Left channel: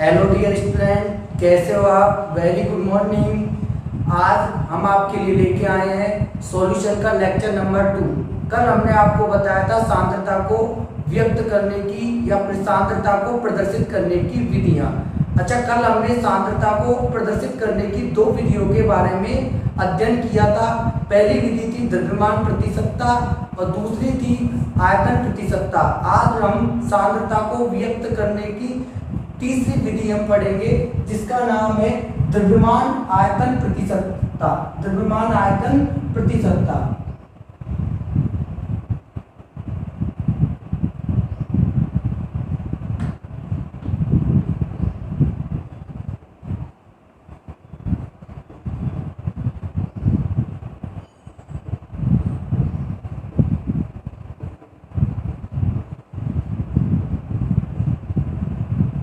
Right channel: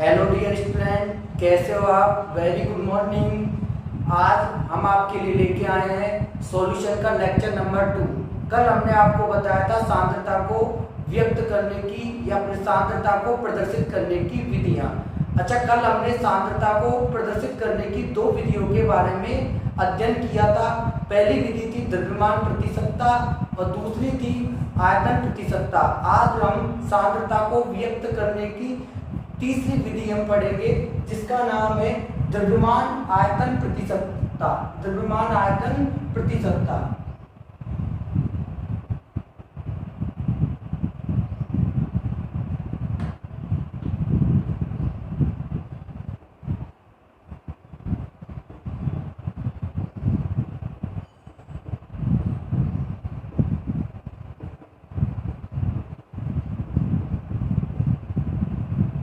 Hello dear student, कैसे हो आप? Very good morning. आज हम आपके लिए लेके आए हैं सॉल्यूशन का लेक्चर नंबर 2। कल हमने आपको बताया था सांद्रता को व्यक्त करने की या फिर सांद्रता को प्रदर्शित करने की विधियां। अच्छा, कल हमने सांद्रता को प्रदर्शित करने की दो विधियों के बारे में अध्ययन किया था। पहली विधि थी द्रव्यमान प्रतिशतता और दूसरी थी आयतन प्रतिशतता। आज हम सांद्रता को व्यक्त करने की तीसरी विधि हम पढ़ेंगे, जिसका नाम है द्रव्यमान आयतन प्रतिशतता। द्रव्यमान आयतन प्रतिशतता।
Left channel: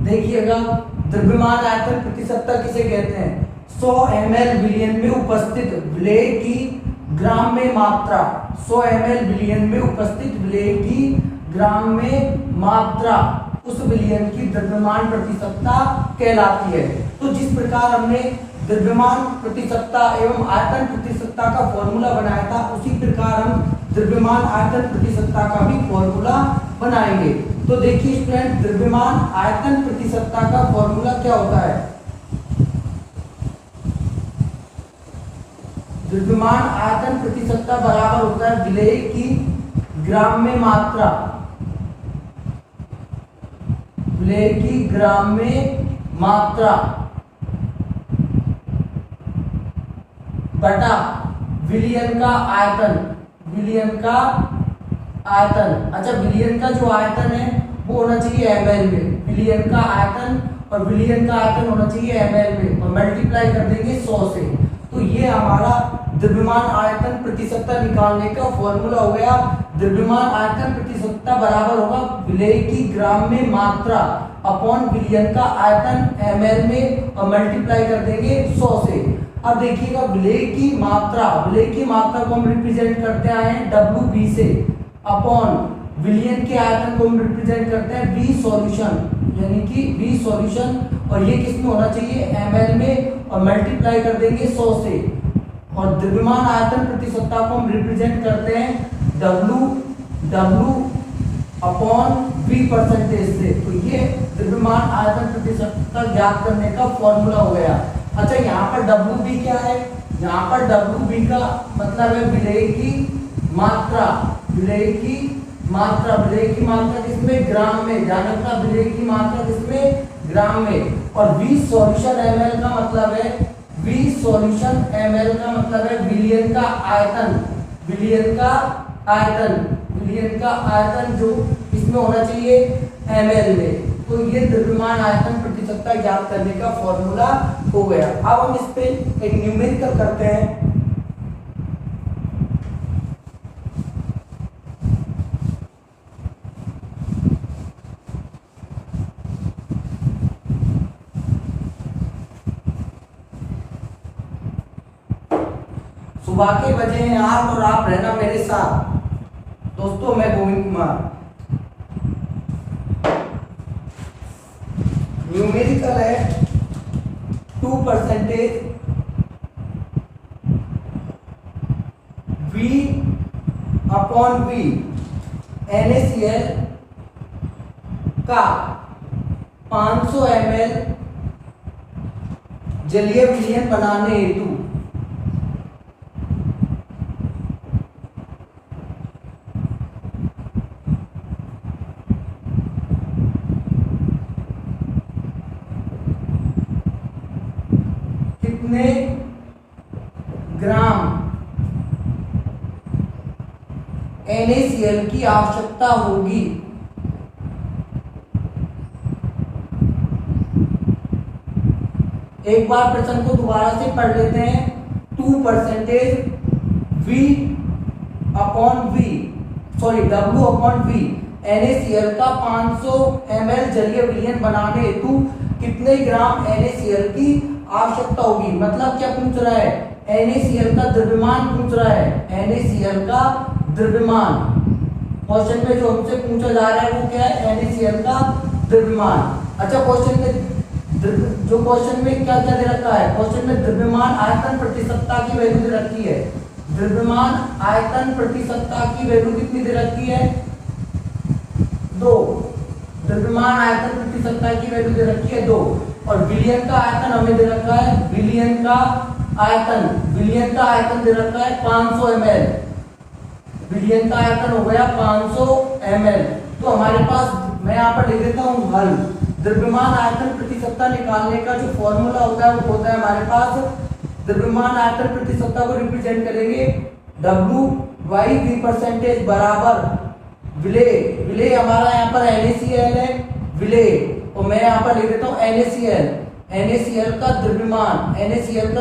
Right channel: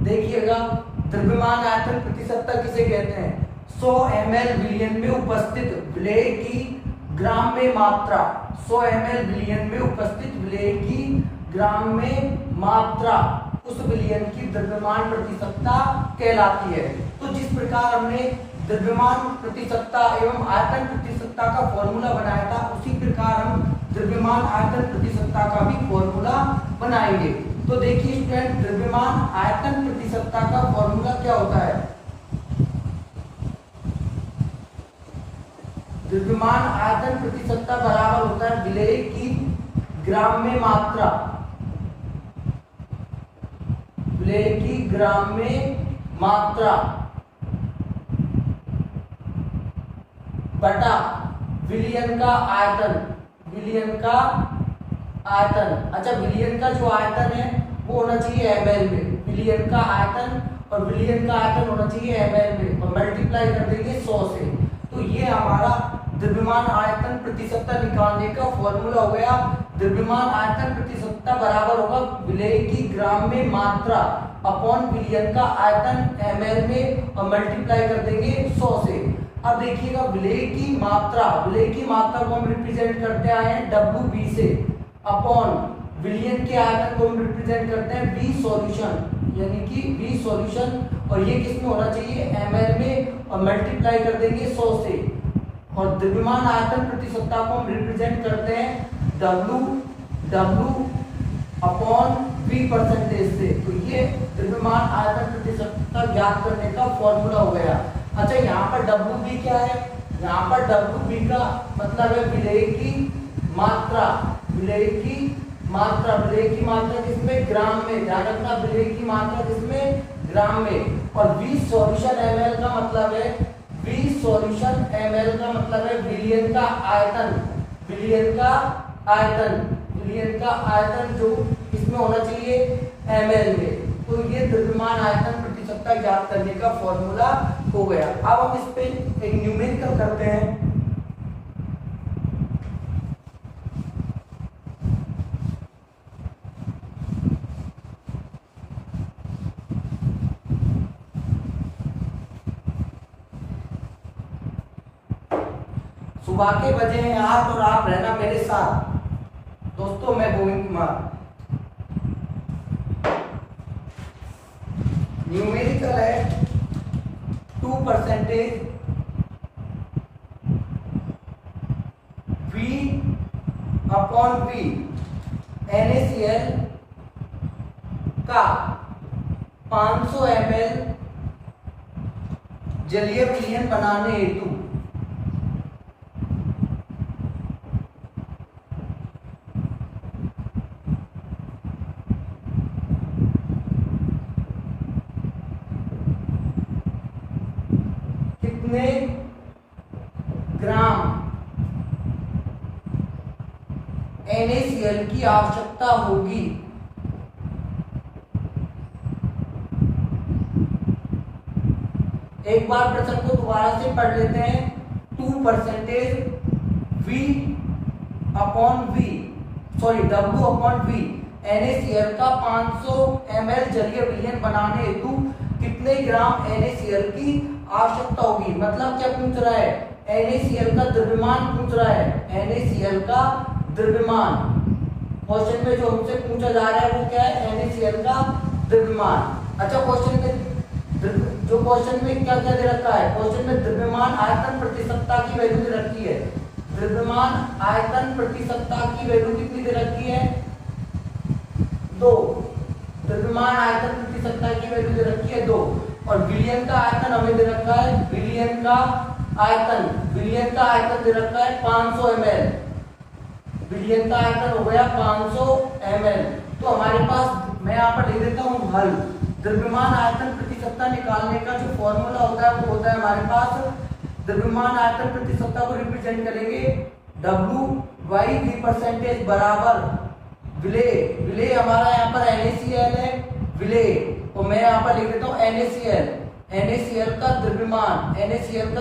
देखिएगा, द्रव्यमान आयतन प्रतिशतता किसे कहते हैं? 100 ml विलयन में उपस्थित विलेय की ग्राम में मात्रा। 100 ml विलयन में उपस्थित विलेय की ग्राम में मात्रा उस विलयन की द्रव्यमान प्रतिशतता कहलाती है। तो जिस प्रकार हमने द्रव्यमान प्रतिशतता एवं आयतन प्रतिशतता का फॉर्मूला बनाया था, उसी प्रकार हम द्रव्यमान आयतन प्रतिशतता का भी फॉर्मूला बनाएंगे। तो देखिए स्टूडेंट, द्रव्यमान आयतन प्रतिशतता का फॉर्मूला क्या होता है? द्रव्यमान आयतन प्रतिशतता बराबर होता है विलेय की ग्राम में मात्रा। विलेय की ग्राम में मात्रा बटा विलयन का आयतन। विलयन का आयतन। अच्छा, विलयन का जो आयतन है वो होना चाहिए ml में। विलयन का आयतन और विलयन का आयतन होना चाहिए ml में और मल्टीप्लाई कर देंगे 100 से। तो ये हमारा द्रव्यमान आयतन प्रतिशतता निकालने का फॉर्मूला हो गया। द्रव्यमान आयतन प्रतिशतता बराबर होगा विलेय की ग्राम में मात्रा अपॉन विलयन का आयतन ml में और मल्टीप्लाई कर देंगे 100 से। अब देखिएगा, विलेय की मात्रा को हम रिप्रेजेंट करते आए हैं WB से अपॉन विलयन के आयतन को हम रिप्रेजेंट करते हैं V सॉल्यूशन, यानी कि V सॉल्यूशन, और ये किस में होना चाहिए? ml में और मल्टीप्लाई कर देंगे 100 से। और द्रव्यमान आयतन प्रतिशतता को हम रिप्रेजेंट करते हैं W अपॉन V परसेंटेज से। तो ये द्रव्यमान आयतन प्रतिशतता ज्ञात करने का फॉर्मूला हो गया। अच्छा, यहाँ पर WB क्या है? यहाँ पर WB का मतलब है विलेय की मात्रा। विलेय की मात्रा किसमें? ग्राम में। ध्यान रखना, विलेय की मात्रा किसमें? ग्राम में। और V सॉल्यूशन ml का मतलब है विलयन का आयतन। विलयन का आयतन जो इसमें होना चाहिए ml में। तो ये द्रव्यमान आयतन प्रतिशतता ज्ञात करने का फॉर्मूला हो गया। अब हम इस पे एक न्यूमेरिकल करते हैं। सुबह के बजे हैं 8 और आप रहना मेरे साथ। दोस्तों, मैं गोविंद कुमार। न्यूमेरिकल है 2% V अपॉन V NaCl का 500 ml जलीय विलयन बनाने हेतु कितने ग्राम NaCl की आवश्यकता होगी? एक बार प्रश्न को दोबारा से पढ़ लेते हैं। 2% W अपॉन V NaCl का 500 ml जलीय विलयन बनाने हेतु कितने ग्राम NaCl की आवश्यकता होगी? मतलब क्या पूछ रहा है? NaCl का द्रव्यमान पूछ रहा है। NaCl का द्रव्यमान क्वेश्चन में जो हमसे पूछा जा रहा है वो क्या है? NaCl का द्रव्यमान। अच्छा, क्वेश्चन में जो क्वेश्चन में क्या क्या दे रखा है, क्वेश्चन में द्रव्यमान आयतन प्रति सत्ता की वैल्यू दे रखी है। द्रव्यमान आयतन प्रति सत्ता की वैल्यू कितनी दे रखी है, 2। द्रव्यमान आयतन प्रति सत्ता की वैल्यू दे रखी है 2। और विलियन का आयतन हमें दे रखा है, विलियन का आयतन दे रखा है 500 ml। विलियन का आयतन हो गया 500 ml। तो हमारे पास मैं यहाँ पर लिख देता हूँ हल। द्रव्यमान आयतन प्रति सत्ता निकालने का जो फॉर्मूला होता है वो होता है हमारे पास, द्रव्यमान आयतन प्रति सत्ता को रिप्रेजेंट करेंगे W/V% बराबर विलेय हमारा यहाँ पर NaCl है, विलेय, और मैं यहाँ पर लिख देता हूँ NaCl का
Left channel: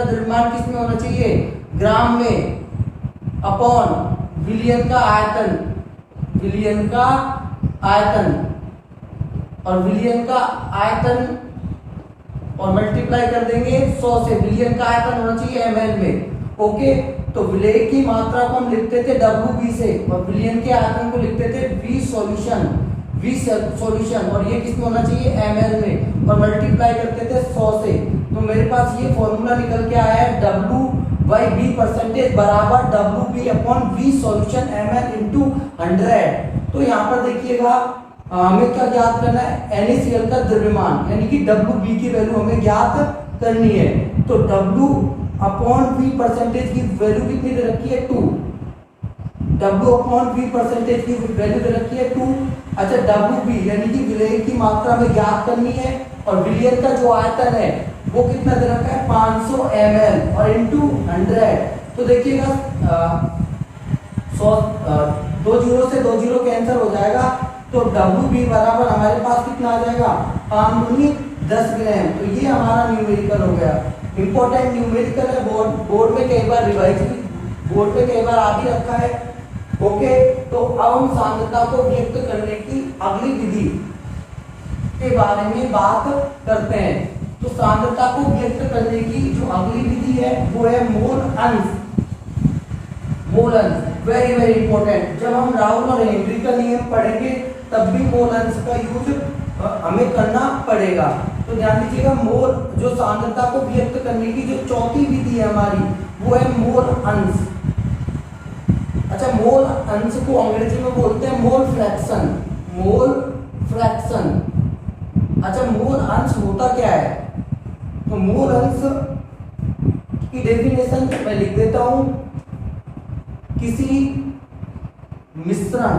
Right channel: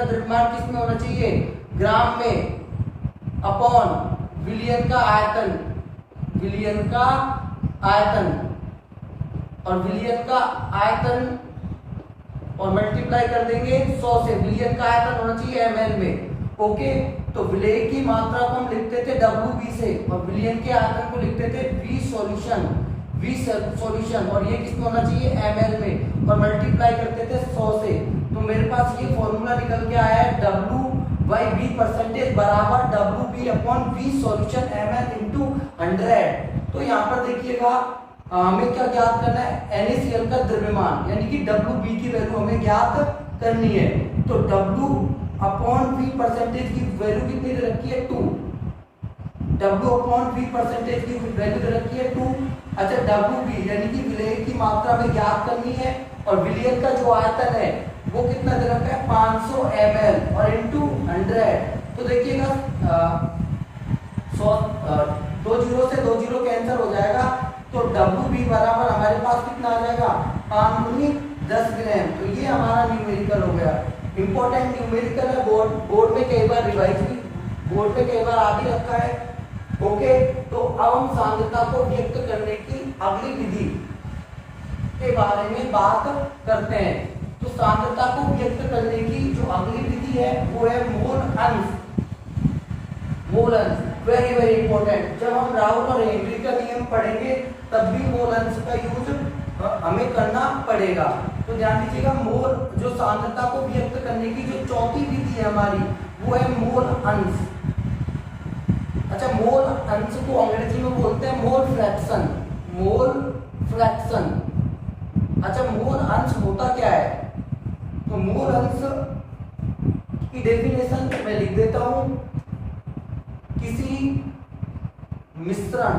द्रव्यमान किस में होना चाहिए, ग्राम में, अपॉन विलियन का आयतन, और विलियन का आयतन और मल्टीप्लाई कर देंगे 100 से। विलियन का आयतन होना चाहिए ml में। ओके, तो विलेय की मात्रा को हम लिखते थे Wv से और विलियन के आयतन को लिखते थे V सॉल्यूशन, और ये किसमें होना चाहिए, ml में, और मल्टीप्लाई करते थे 100 से। तो मेरे पास ये फॉर्मूला निकल के आया है W/V% बराबर Wp/V सॉल्यूशन ml × 100। तो यहाँ पर देखिएगा हमें क्या ज्ञात करना है, NaCl का द्रव्यमान यानी कि Wb की वैल्यू हमें ज्ञात करनी है। तो W/V% की वैल्यू कितनी दे रखी है, 2। W/V% की वैल्यू दे रखी है 2। अच्छा, Wb यानी कि विलेय की मात्रा हमें ज्ञात करनी है, और विलियन का जो आयतन है वो कितना दे रखा है, 500 ml और इंटू 100। तो देखिएगा 2 जीरो से 2 जीरो कैंसिल हो जाएगा, तो Wb बराबर हमारे पास कितना आ जाएगा, 5 दूनी 10 ग्राम। तो ये हमारा न्यूमेरिकल हो गया, इंपॉर्टेंट न्यूमेरिकल है, बोर्ड में कई बार रिवाइज बोर्ड पे कई बार आ भी रखा है। ओके, तो अब हम सांद्रता को व्यक्त करने की अगली विधि के बारे में बात करते हैं। तो सांद्रता को व्यक्त करने की जो अगली विधि है वो है मोल अंश। वेरी वेरी इंपॉर्टेंट, जब हम राउल और हेनरी का नियम पढ़ेंगे तब भी मोल अंश का यूज हमें करना पड़ेगा। तो ध्यान दीजिएगा, मोल जो सांद्रता को व्यक्त करने की जो चौथी विधि है हमारी वो है मोल अंश। अच्छा, मोल अंश को अंग्रेजी में बोलते हैं मोल फ्रैक्शन। अच्छा, मोल अंश होता क्या है, तो मोल अंश की डेफिनेशन मैं लिख देता हूं, किसी मिश्रण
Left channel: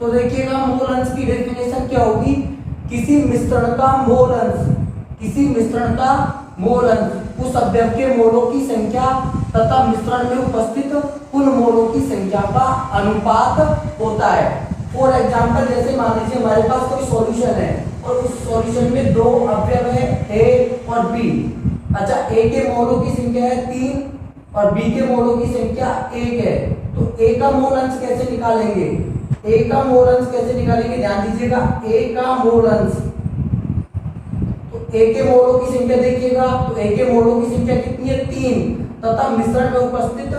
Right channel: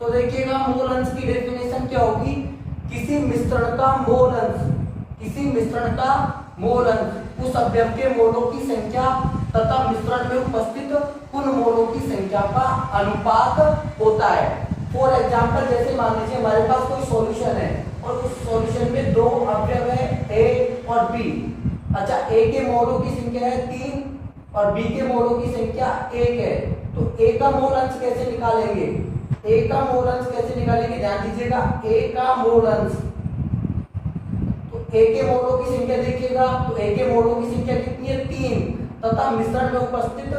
तो देखिएगा मोल अंश की डेफिनेशन क्या होगी, किसी मिश्रण का मोल अंश उस अवयव के मोलों की संख्या तथा मिश्रण में उपस्थित कुल मोलों की संख्या का अनुपात होता है। फॉर एग्जाम्पल, जैसे मान लीजिए हमारे पास कोई सॉल्यूशन है और उस सॉल्यूशन में 2 अवयव है A और B। अच्छा, A के मोलों की संख्या है 3 और B के मोलों की संख्या 1 है। तो A का मोल अंश कैसे निकालेंगे, ध्यान दीजिएगा, A का मोल अंश, तो A के मोलों की संख्या देखिएगा, तो A के मोलों की संख्या कितनी है, 3, तथा मिश्रण में उपस्थित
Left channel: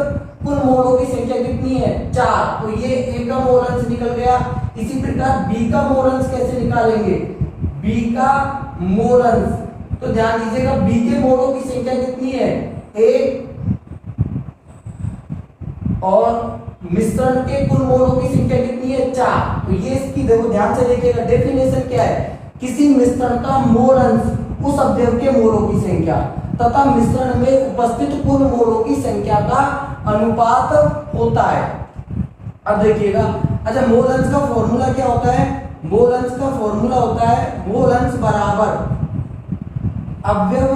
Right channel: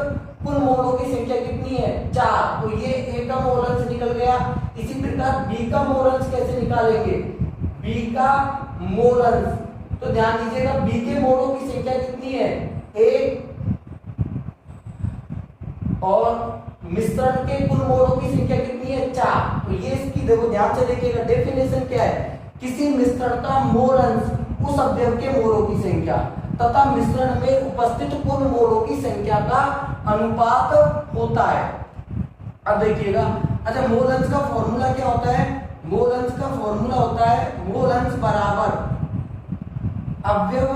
कुल मोलों की संख्या कितनी है, 4। तो ये A का मोल अंश निकल गया। इसी प्रकार B का मोल अंश कैसे निकालेंगे, B का मोल अंश, तो ध्यान दीजिएगा B के मोलों की संख्या कितनी है, 1, और मिश्रण के कुल मोलों की संख्या कितनी है, 4। तो ये इसकी देखो ध्यान से देखिएगा, डेफिनेशन क्या है, किसी मिश्रण का मोल अंश उस अवयव के मोलों की संख्या। तथा मिश्रण में उपस्थित कुल मोलों की संख्या का अनुपात होता है। अब देखिएगा, अच्छा मोल अंश का फॉर्मूला क्या होता है? मोल अंश का फॉर्मूला होता है मोल अंश बराबर अवयव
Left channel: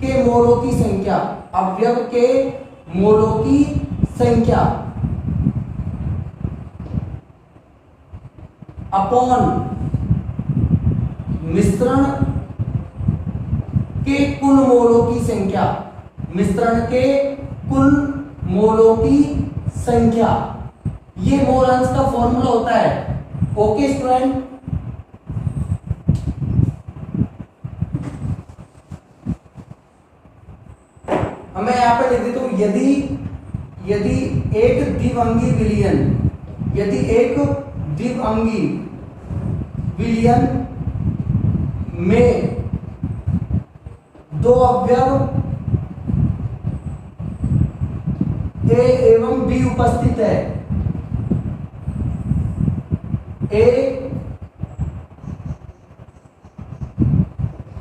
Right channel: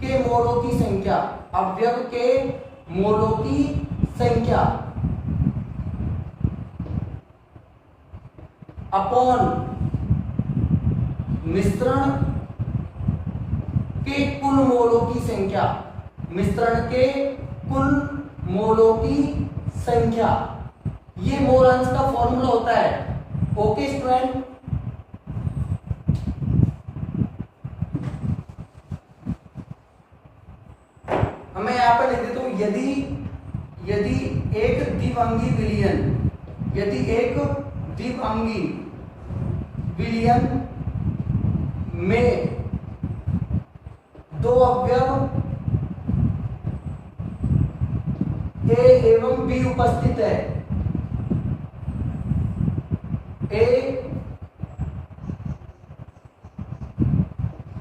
के मोलों की संख्या, अवयव के मोलों की संख्या अपॉन मिश्रण के कुल मोलों की संख्या, मिश्रण के कुल मोलों की संख्या। ये मोल अंश का फॉर्मूला होता है। ओके स्टूडेंट, मैं यहां पर लिख देता हूं, यदि एक द्विअंगी विलयन, यदि एक द्विअंगी विलयन में दो अवयव ए एवं बी उपस्थित है, ए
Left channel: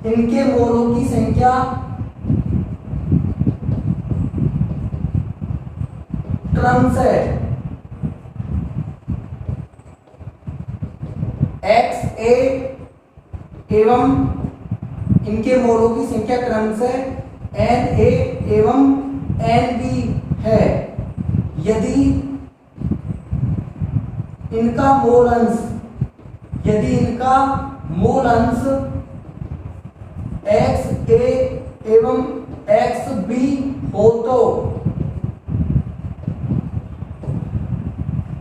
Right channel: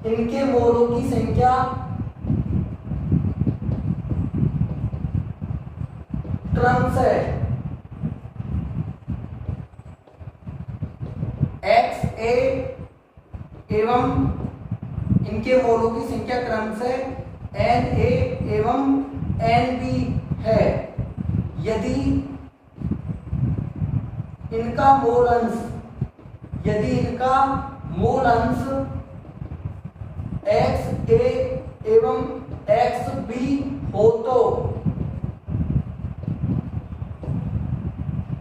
इनके मोलों की संख्या क्रमशः एक्स ए एवं इनके मोलों की संख्या क्रमशः एन ए एवं एन बी है, यदि इनका मोल अंश, यदि इनका मोल अंश एक्स ए एवं एक्स बी हो तो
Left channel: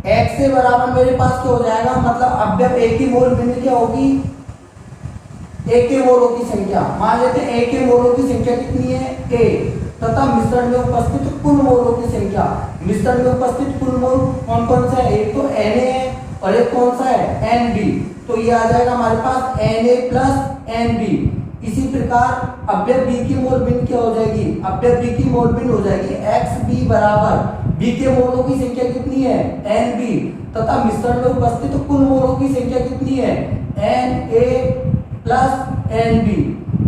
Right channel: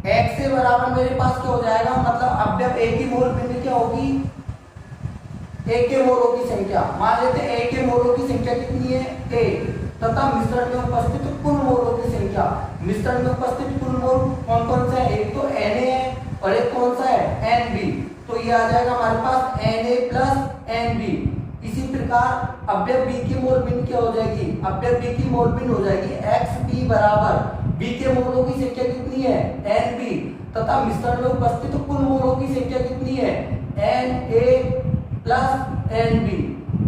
एक्स से बराबर मेरे पास क्या हो जाएगा, मतलब अवयव ए की मोल भिन्न क्या होगी, ए के मोलों की संख्या। मान लेते हैं ए के मोलों की संख्या कितनी है, ए, तथा मिश्रण में उपस्थित कुल मोलों की संख्या। मिश्रण में उपस्थित कुल मोल कौन कौन सा है, एक तो एन ए है और एक कौन सा है, एन बी। तो ये आ जाएगा हमारे पास N A plus N B. इसी प्रकार अवयव बी की मोल भिन्न क्या हो जाएगी, अवयव बी की मोल भिन्न हो जाएगी एक्स बी बराबर बी के मोलों की संख्या कितनी है, एन बी, तथा मिश्रण में उपस्थित कुल मोलों की संख्या कितनी है, N A plus N B.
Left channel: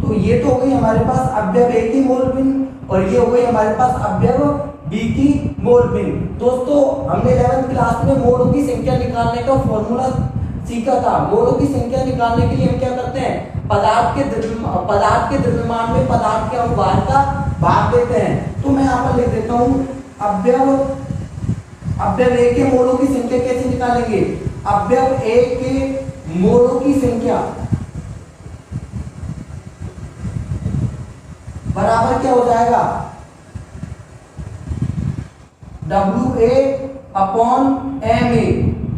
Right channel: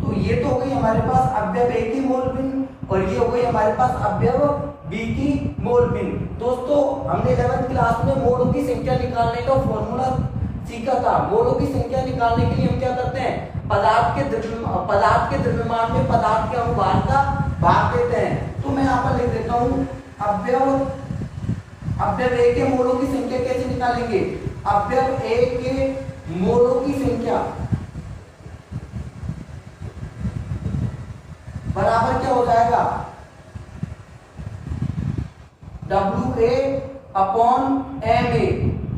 तो ये तो हो गई हमारे पास अवयव ए की मोल भिन्न और ये हो गई हमारे पास अवयव बी की मोल भिन्न। दोस्तों हमने 11th क्लास में मोलों की संख्या निकालने का फॉर्मूला सीखा था। मोलों की संख्या निकालने के लिए हम क्या करते हैं, पदार्थ के द्रव्यमान में पदार्थ के अनुभार का भाग देते हैं। तो मैं यहाँ पर लिख देता हूं अवयव ए के मोलों की संख्या कैसे निकालेंगे, अवयव ए के मोलों की संख्या बराबर क्या हो जाएगा, W A upon M A.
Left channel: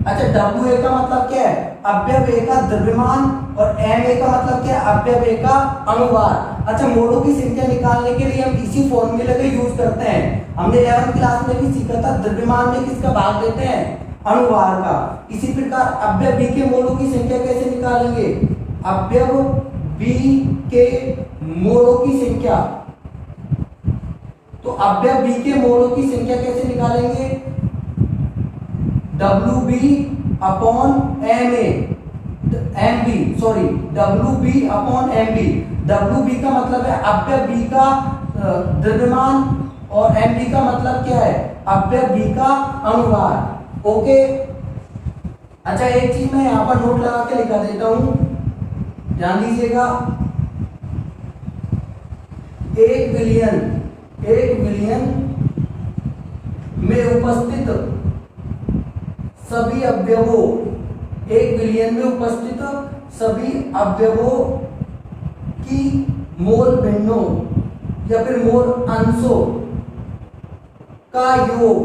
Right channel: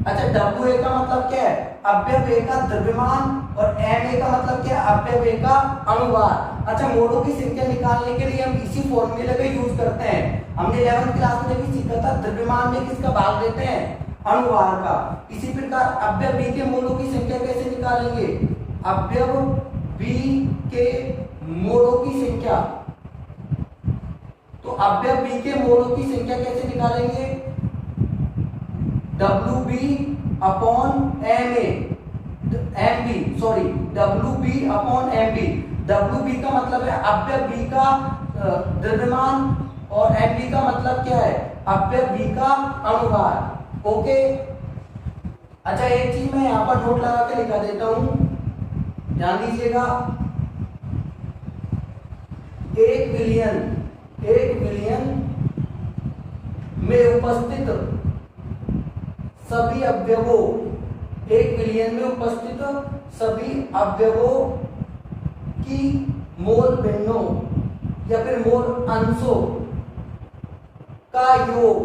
अच्छा डब्ल्यू ए का मतलब क्या है, अवयव ए का द्रव्यमान, और एम ए का मतलब क्या है, अवयव ए का अनुभार। अच्छा मोलों की संख्या निकालने के लिए हम इसी फॉर्मूले का यूज करते हैं। हमने 11th क्लास में भी सीखा था, द्रव्यमान में किसका भाग देते हैं, अनुभार का। इसी प्रकार अवयव बी के मोलों की संख्या कैसे निकालेंगे, अवयव बी के मोलों की संख्या। तो अवयव बी के मोलों की संख्या कैसे निकालेंगे, W B upon M A, M B sorry W B upon M B. W B का मतलब है अवयव बी का द्रव्यमान और एम बी का मतलब क्या है, अवयव बी का अनुभार। ओके, अच्छा एक चीज मैं यहां पर नोट लगा के लिखा देता हूं, ध्यान दीजिएगा। एक विलयन में उपस्थित सभी अवयवों, एक विलयन में उपस्थित सभी अवयवों की मोल भिन्नों या फिर मोल अंशों का योग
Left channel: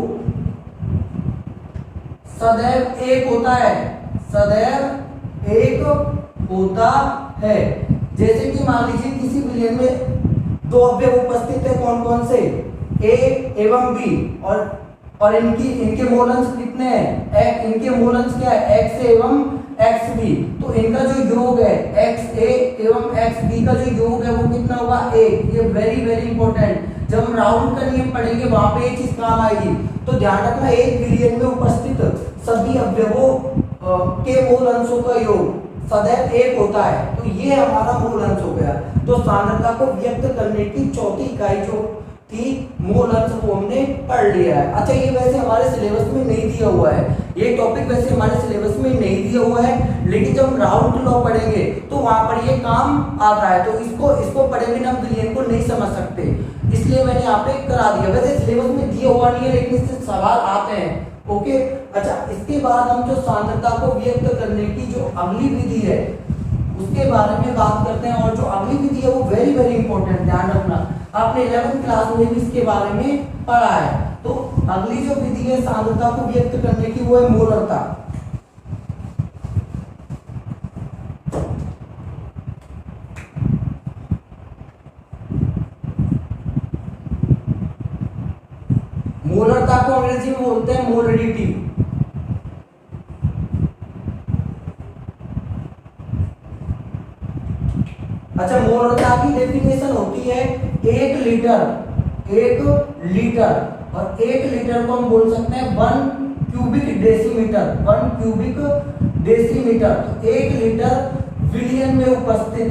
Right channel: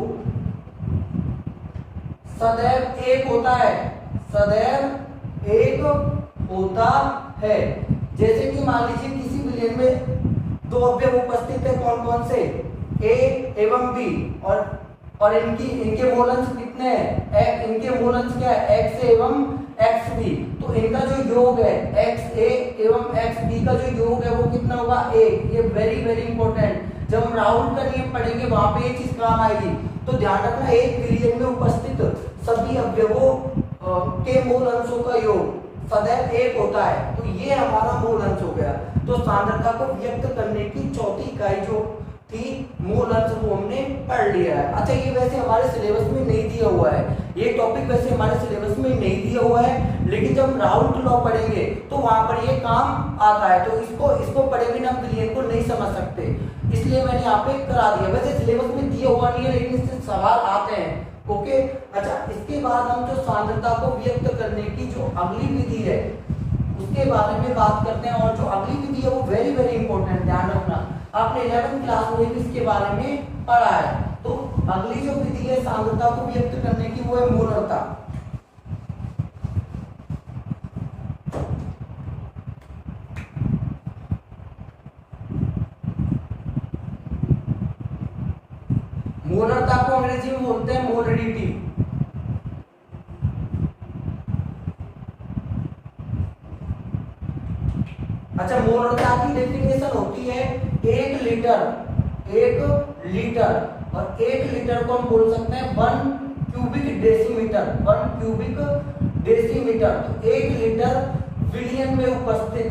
सदैव एक होता है, सदैव एक होता है। जैसे कि मान लीजिए किसी विलयन में दो अवयव उपस्थित है, कौन कौन से, ए एवं बी, और इनके मोल अंश कितने हैं, इनके मोल अंश क्या है, एक्स ए एवं एक्स बी। तो इनका जो योग है एक्स ए एवं एक्स बी का जो योग है वो कितना होगा, एक। ये वेरी वेरी इंपॉर्टेंट, जब हम राउंड का नियम पढ़ेंगे वहां पे एक चीज काम आएगी। तो ध्यान रखना, एक विलयन में उपस्थित सभी अवयवों के मोल अंशों का योग सदैव एक होता है। तो ये हमारा मोल अंश हो गया। तो सांद्रता को व्यक्त करने की चौथी इकाई जो थी मोल अंश को हमने पढ़ लिया है। अच्छा, ये वैसे हमारे सिलेबस में नहीं दिया हुआ है, ये टॉपिक वैसे हमारे सिलेबस में नहीं दिया हुआ है, लेकिन जब हम राउल्ट लॉ पढ़ेंगे तो वहां पर ये काम आता है। तो इसको पढ़े बिना हम विलियन को नहीं समझ सकते, इसलिए मैंने यहाँ पे करा दिया। वैसे सिलेबस में दिया हुआ नहीं है, लेकिन इससे सवाल आते हैं। ओके, अच्छा, इसके बाद हम जो सांद्रता को व्यक्त करने की जो अगली विधि है उसके बारे में बात करते हैं। और जो अगली विधि है वो वेरी वेरी इंपॉर्टेंट, ध्यान रखना। आपने 11th क्लास में भी इसके बारे में पढ़ा है। तो अगली जो विधि है सांद्रता को व्यक्त करने की वो है मोलरता। मोलरता को अंग्रेजी में बोलते हैं मोलरिटी। अच्छा, मोलरता की डेफिनेशन होती है 1 लीटर, 1 लीटर, और 1 लीटर को हम बोल सकते हैं 1 क्यूबिक डेसीमीटर, 1 क्यूबिक डेसीमीटर। तो 1 लीटर विलियन में उपस्थित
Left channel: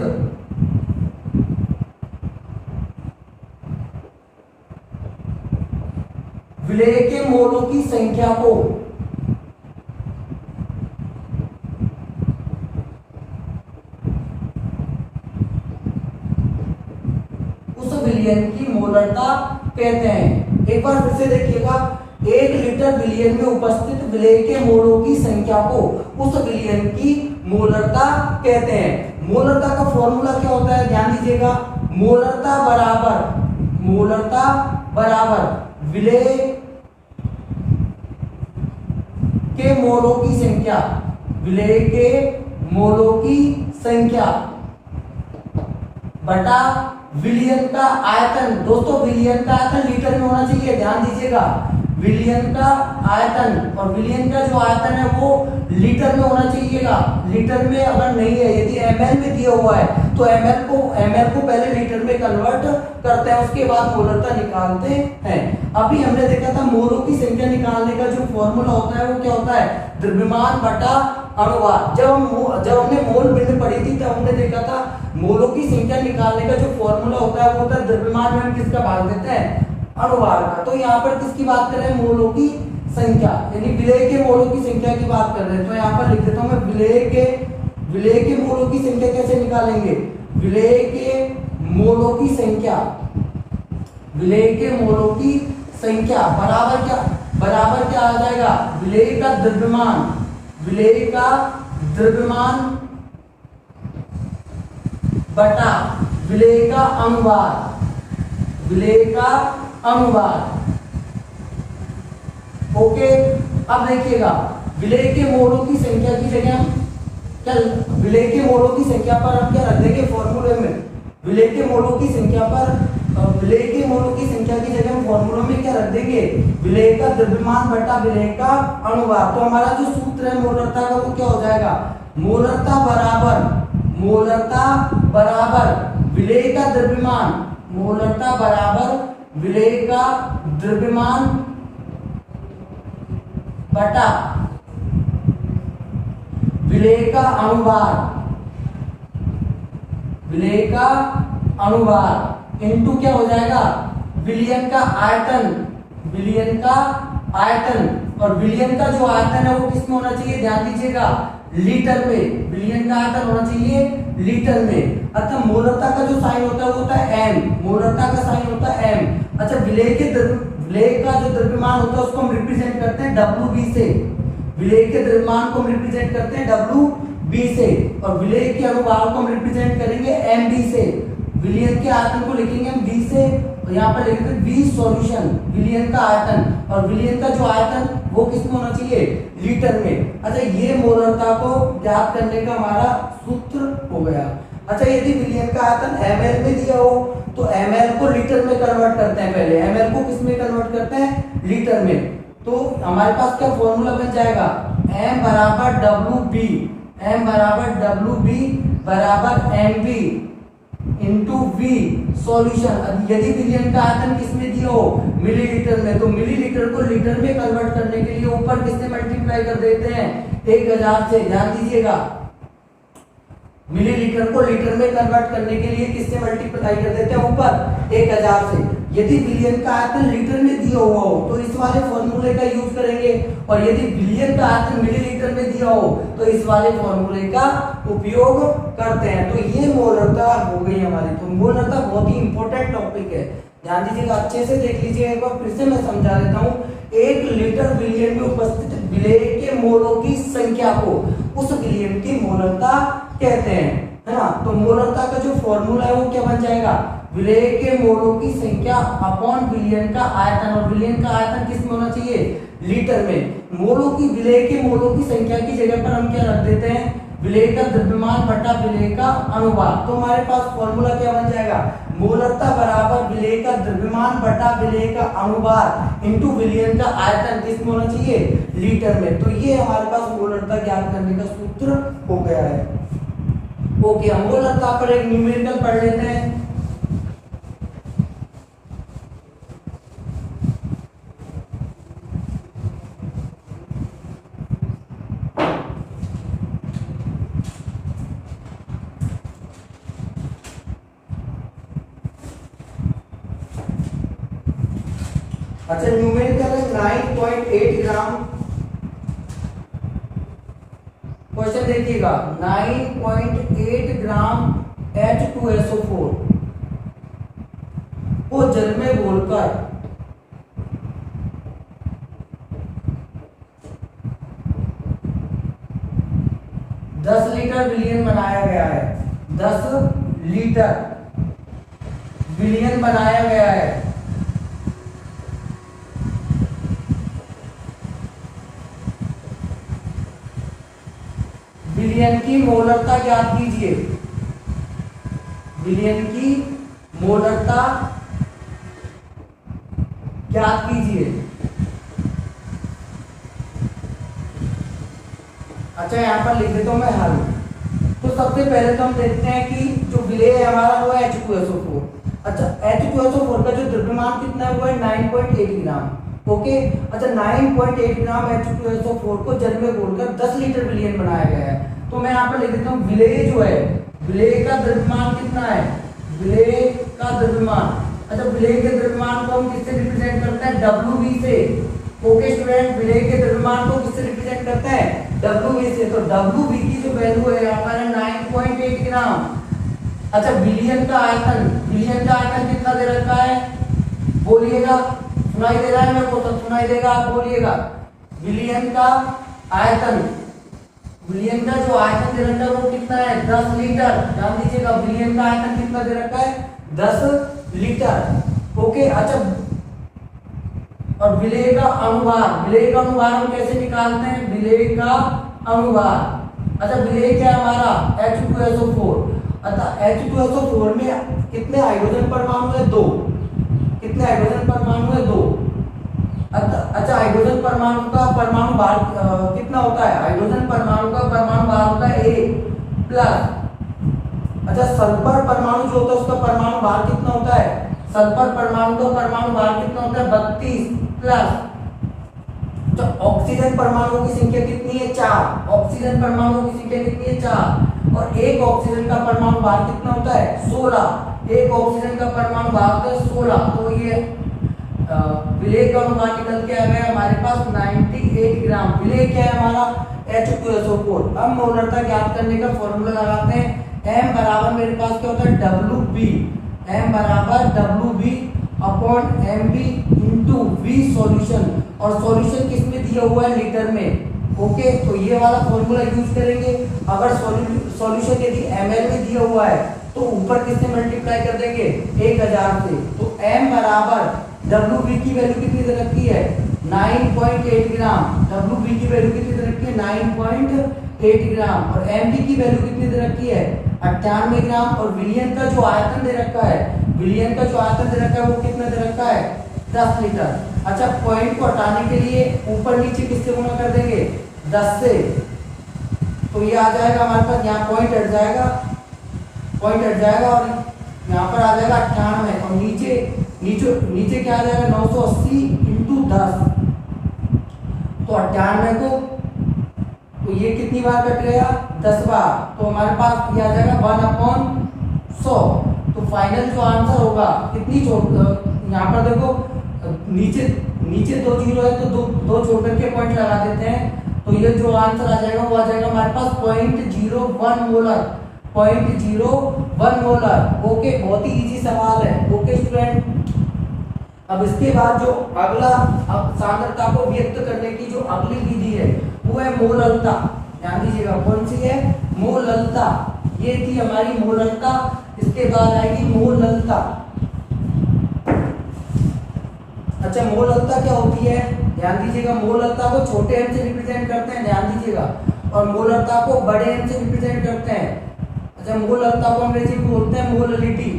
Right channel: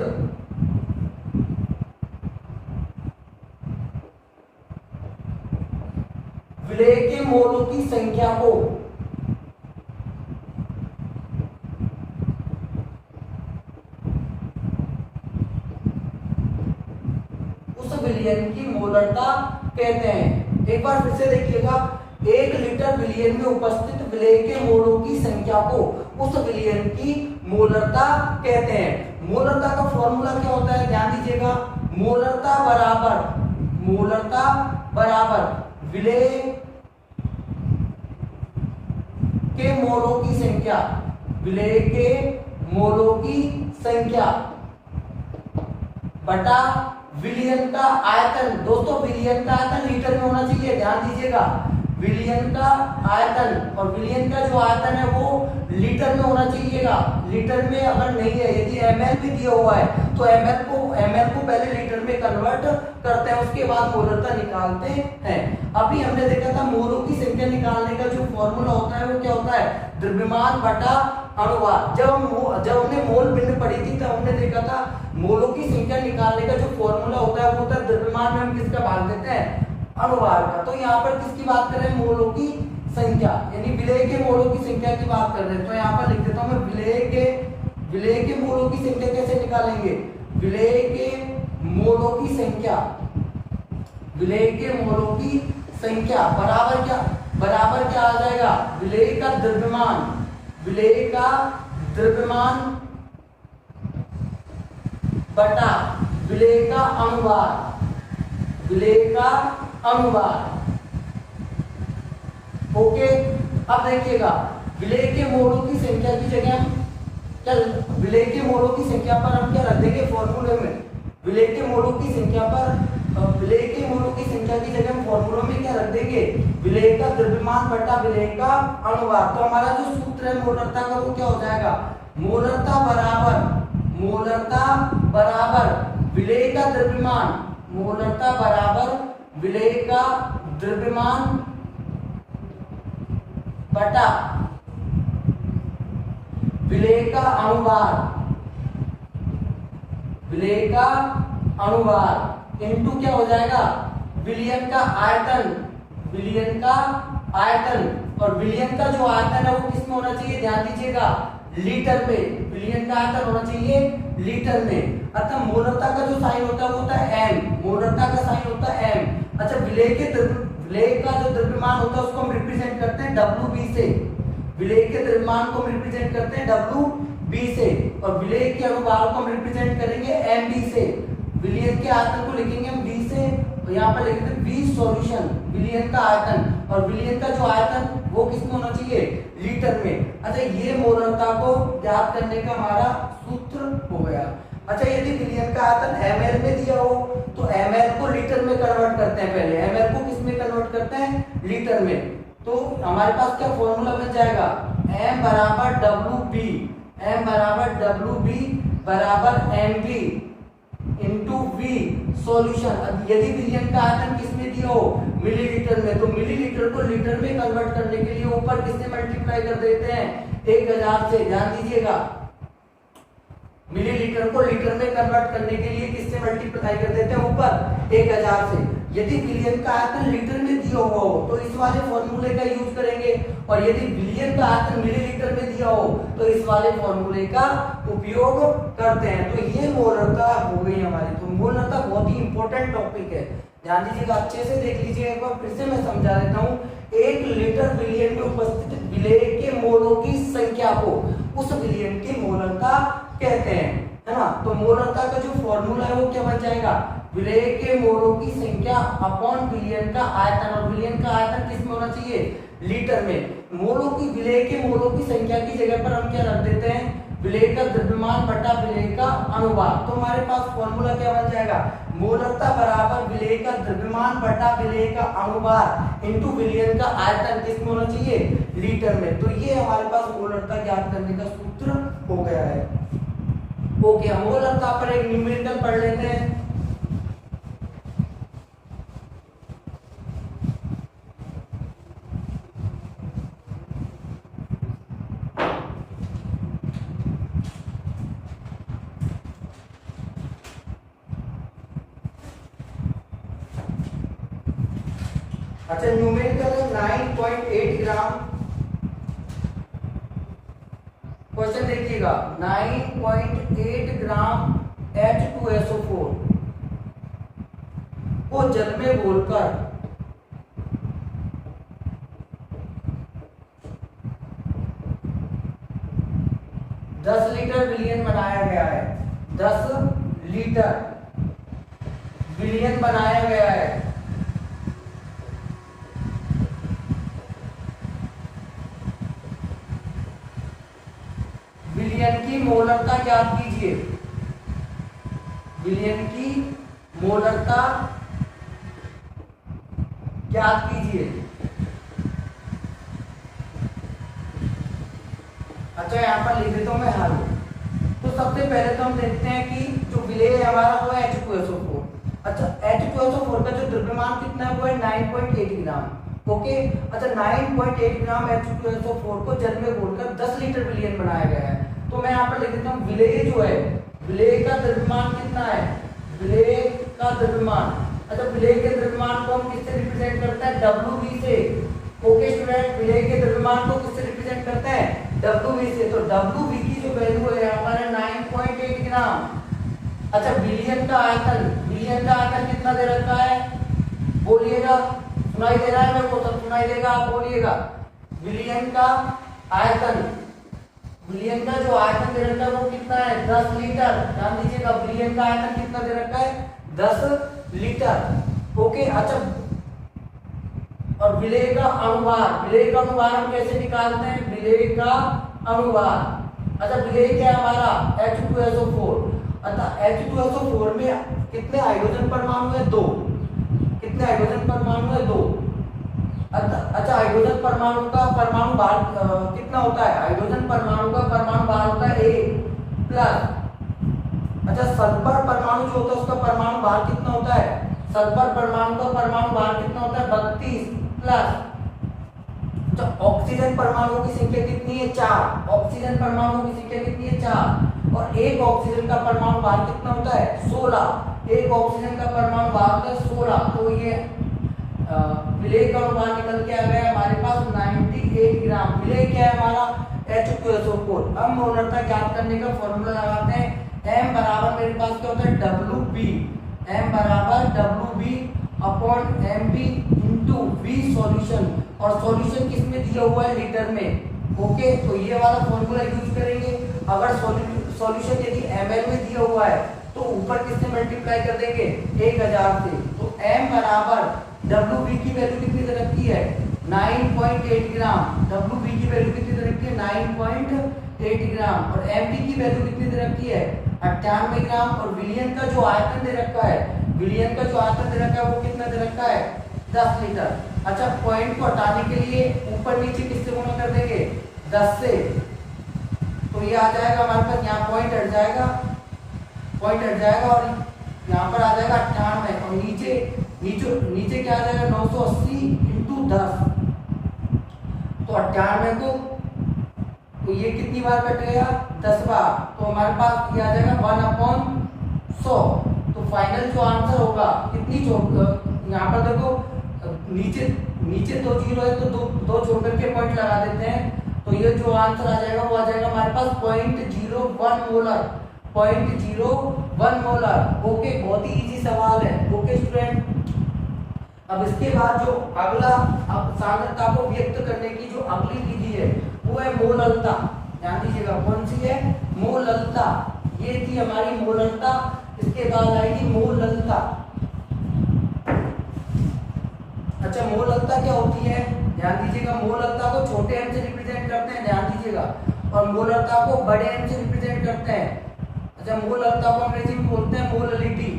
विलेय के मोलों की संख्या को उस विलियन की मोलरता कहते हैं। एक बार फिर से देखिएगा, 1 लीटर विलियन में उपस्थित विलेय के मोलों की संख्या को उस विलियन की मोलरता कहते हैं। मोलरता का फॉर्मूला क्या होता है, ध्यान दीजिएगा। मोलरता बराबर विलेय के मोलों की संख्या, विलेय के मोलों की संख्या बटा विलियन का आयतन। दोस्तों, विलियन का आयतन लीटर में होना चाहिए, ध्यान दीजिएगा। विलियन का आयतन, और विलियन का जो आयतन है वो लीटर में होना चाहिएगा। लीटर में अगर नहीं है, यदि ml में दिया हुआ है तो ml को पहले लीटर में कन्वर्ट करते हैं, उसके बाद मोलरता निकालते हैं। अभी हमने देखा था मोलों की संख्या निकालने का जो फॉर्मूला होता है वो क्या होता है, द्रव्यमान बटा अनुवाद। जब हमने मोल भिन्न पढ़ी थी तब हमने देखा था मोलों की संख्या निकालने का जो फॉर्मूला होता है वो होता है द्रव्यमान में हम किसका भाग देते हैं, अनुवाद का। तो यहाँ पर किसकी बात कर रहे हैं, मोलों की संख्या, यानी विलेय के मोलों की संख्या की बात कर रहे हैं। तो यहाँ पर लिख देता हूं मैं, विलेय के मोलों की संख्या कैसे निकालेंगे, विलेय के मोलों की संख्या, विलेय के मोलों की संख्या बराबर क्या आ जाएगा, विलेय का द्रव्यमान बटा विलेय का अनुवाद। ओके, अब देखिएगा, विलेय के मोलों की संख्या की जगह हम विलेय के मोलों की संख्या पर हम क्या रख देंगे फॉर्मूले में, विलेय के मोलों की संख्या की जगह हम फॉर्मूला में क्या रख देंगे, विलेय का द्रव्यमान बटा विलेय का अनुवाद। तो हमारा जो सूत्र है मोलरता का वो क्या हो जाएगा, मोलरता बराबर विलेय का द्रव्यमान, मोलरता बराबर विलेय का द्रव्यमान बटा विलेय का अनुवाद इनटू क्या हो जाएगा, विलियन का आयतन। और विलियन का जो आयतन है वो किसमें होना चाहिए, ध्यान दीजिएगा, लीटर में। विलियन का आयतन होना चाहिए लीटर में। अतः मोलरता का जो साइन होता है वो होता है m, मोलरता का साइन होता है m। अच्छा, विलेय का जो द्रव्यमान होता है उसको हम रिप्रेजेंट करते हैं WB से, विलेय के द्रव्यमान को हम रिप्रेजेंट करते हैं WB से, और विलेय के अनुवाद को हम रिप्रेजेंट करेंगे MB से। विलियन के आयतन को लिखेंगे हम B से, और यहाँ पर लिखेंगे B सॉल्यूशन, विलियन का आयतन, और विलियन का जो आयतन वो किसमें होना चाहिए, लीटर में। अच्छा, ये मोलरता को ज्ञात करने का हमारा सूत्र हो गया। अच्छा, यदि विलियन का आयतन ml में दिया हो तो ml को लीटर में कन्वर्ट करते हैं। पहले ml को किस में कन्वर्ट करते हैं, लीटर में। तो हमारे पास क्या फॉर्मूला बन जाएगा, m बराबर WB बराबर MB इंटू V सॉल्यूशन। यदि विलियन का आयतन किसमें दिया हो, मिलीलीटर में, तो मिलीलीटर को लीटर में कन्वर्ट करने के लिए ऊपर किससे मल्टीप्लाई कर देते हैं, 1000 से। ध्यान दीजिएगा, मिलीलीटर को लीटर में कन्वर्ट करने के लिए किससे मल्टीप्लाई कर देते हैं, ऊपर 1000 से। यदि बिलियन का आयतन लीटर में दिया हुआ हो तो इस वाले फॉर्मूले का यूज करेंगे, और यदि बिलियन का आयतन मिलीलीटर में दिया हो तो इस वाले फॉर्मूले का उपयोग करते हैं। तो ये मोलरता हो गई हमारी। तो मोलरता बहुत ही इंपॉर्टेंट टॉपिक है, ध्यान दीजिएगा, अच्छे से देख लीजिए। एक बार फिर से मैं समझा देता हूँ। 1 लीटर बिलियन में उपस्थित विलेय के मोलों की संख्या को उस विलियन की मोलरता कहते हैं, है ना। तो मोलरता का जो फॉर्मूला है वो क्या बन जाएगा, विलेय के मोलों की संख्या अपॉन विलियन का आयतन। और विलियन का आयतन किस में होना चाहिए, लीटर में। मोलों की, विलेय के मोलों की संख्या की जगह पर हम क्या रख देते हैं, विलेय का द्रव्यमान बटा विलेय का अनुपात। तो हमारे पास फॉर्मूला क्या बन जाएगा, मोलरता बराबर विलेय का द्रव्यमान बटा विलेय का अनुपात इनटू विलियन का आयतन किस में होना चाहिए, लीटर में। तो ये हमारे पास मोलरता ज्ञात करने का सूत्र हो गया है। ओके, हम मोलरता पर एक न्यूमेरिकल पढ़ लेते हैं। अच्छा, न्यूमेरिकल है 9.8 ग्राम। क्वेश्चन देखिएगा, 9.8 ग्राम H2SO4 को जल में घोलकर 10 लीटर विलियन बनाया गया है। 10 लीटर विलियन बनाया गया है। विलियन की मोलरता ज्ञात कीजिए, विलियन की मोलरता ज्ञात कीजिए। अच्छा, यहां पर लिख देता हूं मैं हल। तो सबसे पहले तो हम देखते हैं कि जो विलेय है हमारा वो है H2SO4। अच्छा, H2SO4 का जो द्रव्यमान कितना है वो है 9.8 ग्राम। ओके, अच्छा 9.8 ग्राम H2SO4 को जल में घोलकर 10 लीटर विलियन बनाया गया है। तो मैं यहाँ पर लिख देता हूँ, विलेय जो है, विलेय का द्रव्यमान कितना है, विलेय का द्रव्यमान। अच्छा, विलेय के द्रव्यमान को हम किससे रिप्रेजेंट करते हैं, WV से। ओके स्टूडेंट, विलेय के द्रव्यमान को किससे रिप्रेजेंट करते हैं, WV से। तो WV की जो वैल्यू है यहाँ पर है 9.8 ग्राम। अच्छा, विलियन का आयतन, विलियन का आयतन कितना दे रखा है, बोलिएगा, सुनाई दे रहा है मेरे को, तो सुनाई देगा, आप बोलिएगा। विलियन का आयतन, विलियन का जो आयतन दे रखा है वो कितना है, 10 लीटर। ध्यान दीजिएगा, विलियन का आयतन कितना दे रखा है, 10 लीटर। ओके, अच्छा, और विलेय का अनुभार, विलेय का अनुभार हम कैसे निकालते हैं, विलेय का अनुभार। अच्छा, विलेय क्या है हमारा, H2SO4। अतः H2SO4 में कितने हाइड्रोजन परमाणु है, 2। कितने हाइड्रोजन परमाणु है, 2। अच्छा, हाइड्रोजन परमाणु का परमाणु भार कितना होता है, हाइड्रोजन परमाणु का परमाणु भार होता है A+। अच्छा, सल्फर परमाणु जो होता है उसका परमाणु भार कितना होता है, सल्फर परमाणु का परमाणु भार कितना होता है, 32+। तो ऑक्सीजन परमाणुओं की संख्या कितनी है, 4। ऑक्सीजन परमाणुओं की संख्या कितनी है, 4। और एक ऑक्सीजन का परमाणु भार कितना होता है, 16। एक ऑक्सीजन का परमाणु भार होता है 16। तो ये विलेय का अनुपात निकल के आ गया हमारे पास 98 ग्राम। विलेय क्या है हमारा, H2SO4। अब मोलरता ज्ञात करने का फॉर्मूला लगाते हैं। M बराबर मेरे पास क्या होता है, WB। M बराबर WB upon MB into V solution. और सॉल्यूशन किस में दिया हुआ है, लीटर में। ओके, तो ये वाला फॉर्मूला यूज करेंगे। अगर सॉल्यूशन यदि ml में दिया हुआ है तो ऊपर किससे मल्टीप्लाई कर देंगे, 1000 से। तो M बराबर WB की वैल्यू कितनी दे रखी है, 9.8 ग्राम। WB की वैल्यू कितनी दे रखी है, 9.8 ग्राम। और MB की वैल्यू कितनी दे रखी है, 98 ग्राम। और विलियन का जो आयतन दे रखा है, विलियन का जो आयतन दे रखा है वो कितना दे रखा है, 10 लीटर। अच्छा, पॉइंट को हटाने के लिए ऊपर नीचे किससे गुणा कर देंगे, 10 से। तो ये आ जाएगा हमारे पास, यहाँ पॉइंट हट जाएगा, पॉइंट हट जाएगा और यहाँ पर आ जाएगा 98। और नीचे नीचे क्या आ जाएगा, 980 इंटू 10। तो 98 को तो ये कितनी बार कट गया, 10 बार, तो हमारे पास ये आ जाएगा 1/100। तो फाइनल जो आंसर होगा कितनी यहाँ पर देखो नीचे नीचे 2 जीरो है तो दो छोड़ करके पॉइंट लगा देते हैं, तो ये जो आंसर आ जाएगा वो आ जाएगा हमारे पास 0.01 मोलर, 0.01 मोलर। ओके, बहुत ही इजी सवाल है। ओके स्टूडेंट, अब इसके बाद जो अगला सांद्रता को व्यक्त करने की जो अगली विधि है वो है मोललता। ध्यान दीजिएगा, कौन सी है, मोललता। ये थी हमारी मोललता, इसके बाद आएगी मोललता। अच्छा, मोललता क्या होती है, ध्यान दीजिएगा, मोललता को छोटे एम से रिप्रेजेंट करते हैं, ध्यान दीजिएगा, और मोललता को बड़े एम से रिप्रेजेंट करते हैं। अच्छा, मोललता को अंग्रेजी में बोलते हैं मोललिटी।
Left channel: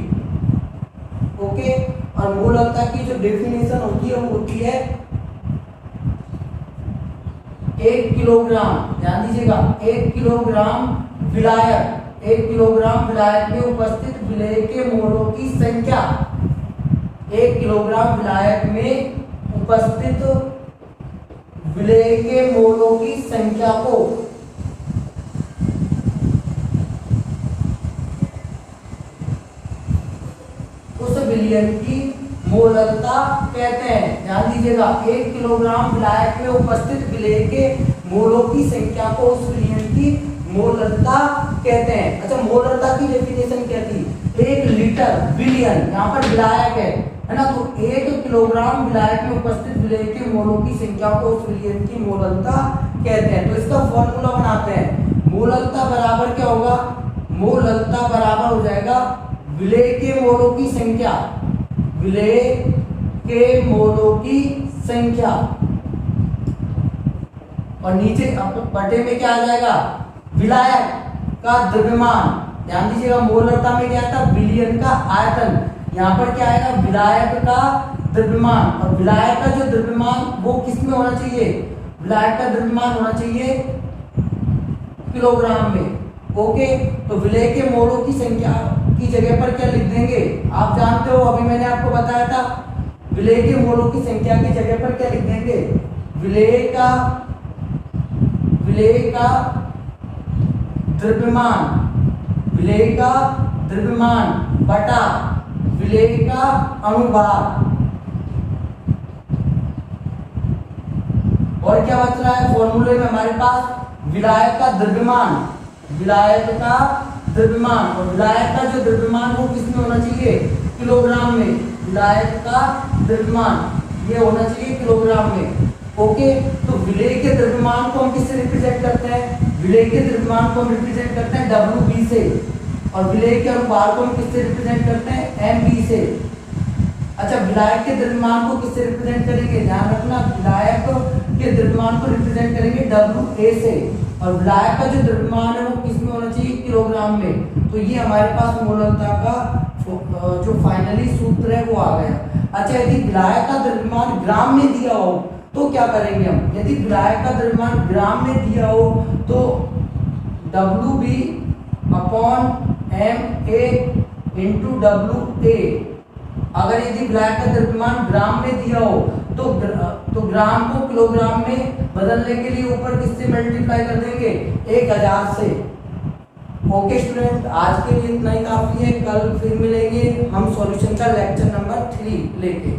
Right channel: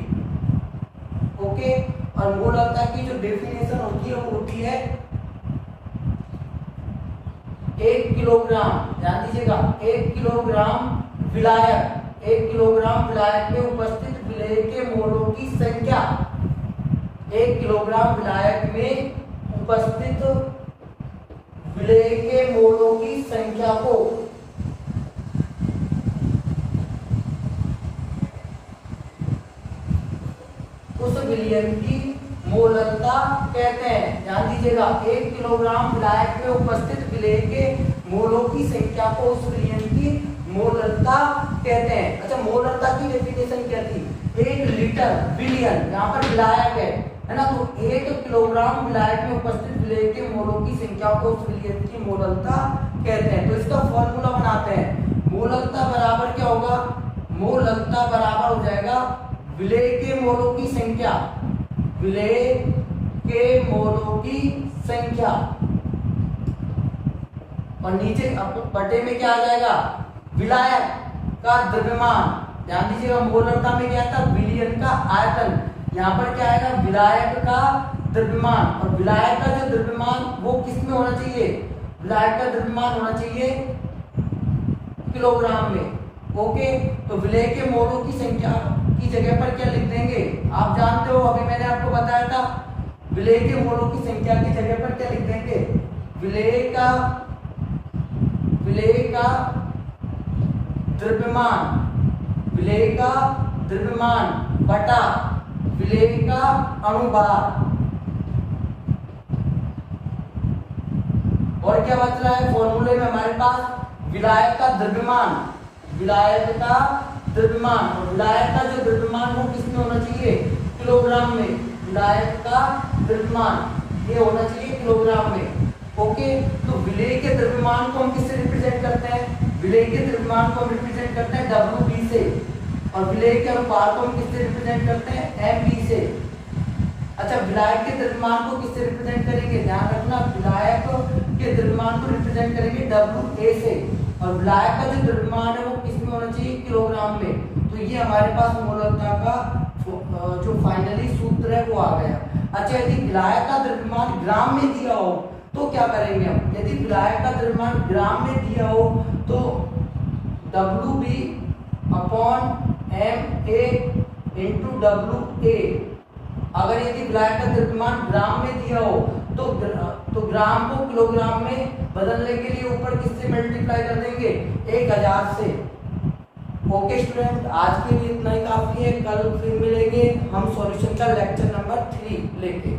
ओके, और मोललता की जो डेफिनेशन होती है वो होती है 1 किलोग्राम। ध्यान दीजिएगा, 1 किलोग्राम विलायक, 1 किलोग्राम विलायक में उपस्थित विलेय के मोलों की संख्या, 1 किलोग्राम विलायक में उपस्थित विलेय के मोलों की संख्या को उस विलयन की मोललता कहते हैं। ध्यान दीजिएगा, 1 किलोग्राम विलायक में उपस्थित विलेय के मोलों की संख्या को उस विलयन की मोललता कहते हैं। अच्छा, मोललता की डेफिनेशन क्या थी, 1 लीटर विलयन, यहाँ पर विलायक है ना, तो 1 किलोग्राम विलायक में उपस्थित विलेय के मोलों की संख्या को उस विलयन की मोललता कहते हैं। तो इसका फॉर्मूला बनाते हैं, मोललता बराबर क्या होगा, मोललता बराबर हो जाएगा विलेय के मोलों की संख्या, विलेय के मोलों की संख्या, और नीचे बटे में क्या आ जाएगा, विलायक का द्रव्यमान। ध्यान दीजिएगा, मोललता में क्या था, विलयन का आयतन, यहाँ पर क्या आएगा, विलायक का द्रव्यमान, और विलायक का जो द्रव्यमान वो किस में होना चाहिए, विलायक का द्रव्यमान होना चाहिए किलोग्राम में। ओके, तो विलेय के मोलों की संख्या की जगह पर क्या लिख देंगे, आप जानते हो, अभी मैंने आपको बताया था, विलेय के मोलों की संख्या की जगह पर क्या लिख देंगे, विलेय का द्रव्यमान, विलेय का द्रव्यमान बटा विलेय का अनुभार। और क्या बच रहा है फॉर्मूले में हमारे पास, विलायक का द्रव्यमान, विलायक का द्रव्यमान, और विलायक का जो द्रव्यमान वो किस में होना चाहिए, किलोग्राम में, विलायक का द्रव्यमान ये होना चाहिए किलोग्राम में। ओके, तो विलेय के द्रव्यमान को हम किससे रिप्रेजेंट करते हैं, विलेय के द्रव्यमान को हम रिप्रेजेंट करते हैं WB से, और विलेय के अनुपात को हम किससे रिप्रेजेंट करते हैं, MB से। अच्छा, विलायक के द्रव्यमान को किससे रिप्रेजेंट करेंगे, ध्यान रखना, विलायक के द्रव्यमान को रिप्रेजेंट करेंगे WA से, और विलायक का जो द्रव्यमान है वो किस में होना चाहिए, किलोग्राम में। तो ये हमारे पास मोललता का जो फाइनली सूत्र है वो आ गया। अच्छा, यदि विलायक का द्रव्यमान ग्राम में दिया हो तो क्या करेंगे हम, यदि विलायक का द्रव्यमान ग्राम में दिया हो तो WB upon MA into WA, अगर यदि विलायक का द्रव्यमान ग्राम में दिया हो तो ग्राम को किलोग्राम में बदलने के लिए ऊपर किससे मल्टीप्लाई कर देंगे, 1000 से। ओके स्टूडेंट, आज के लिए इतना ही काफी है, कल फिर मिलेंगे हम सॉल्यूशन का लेक्चर नंबर 3 लेके।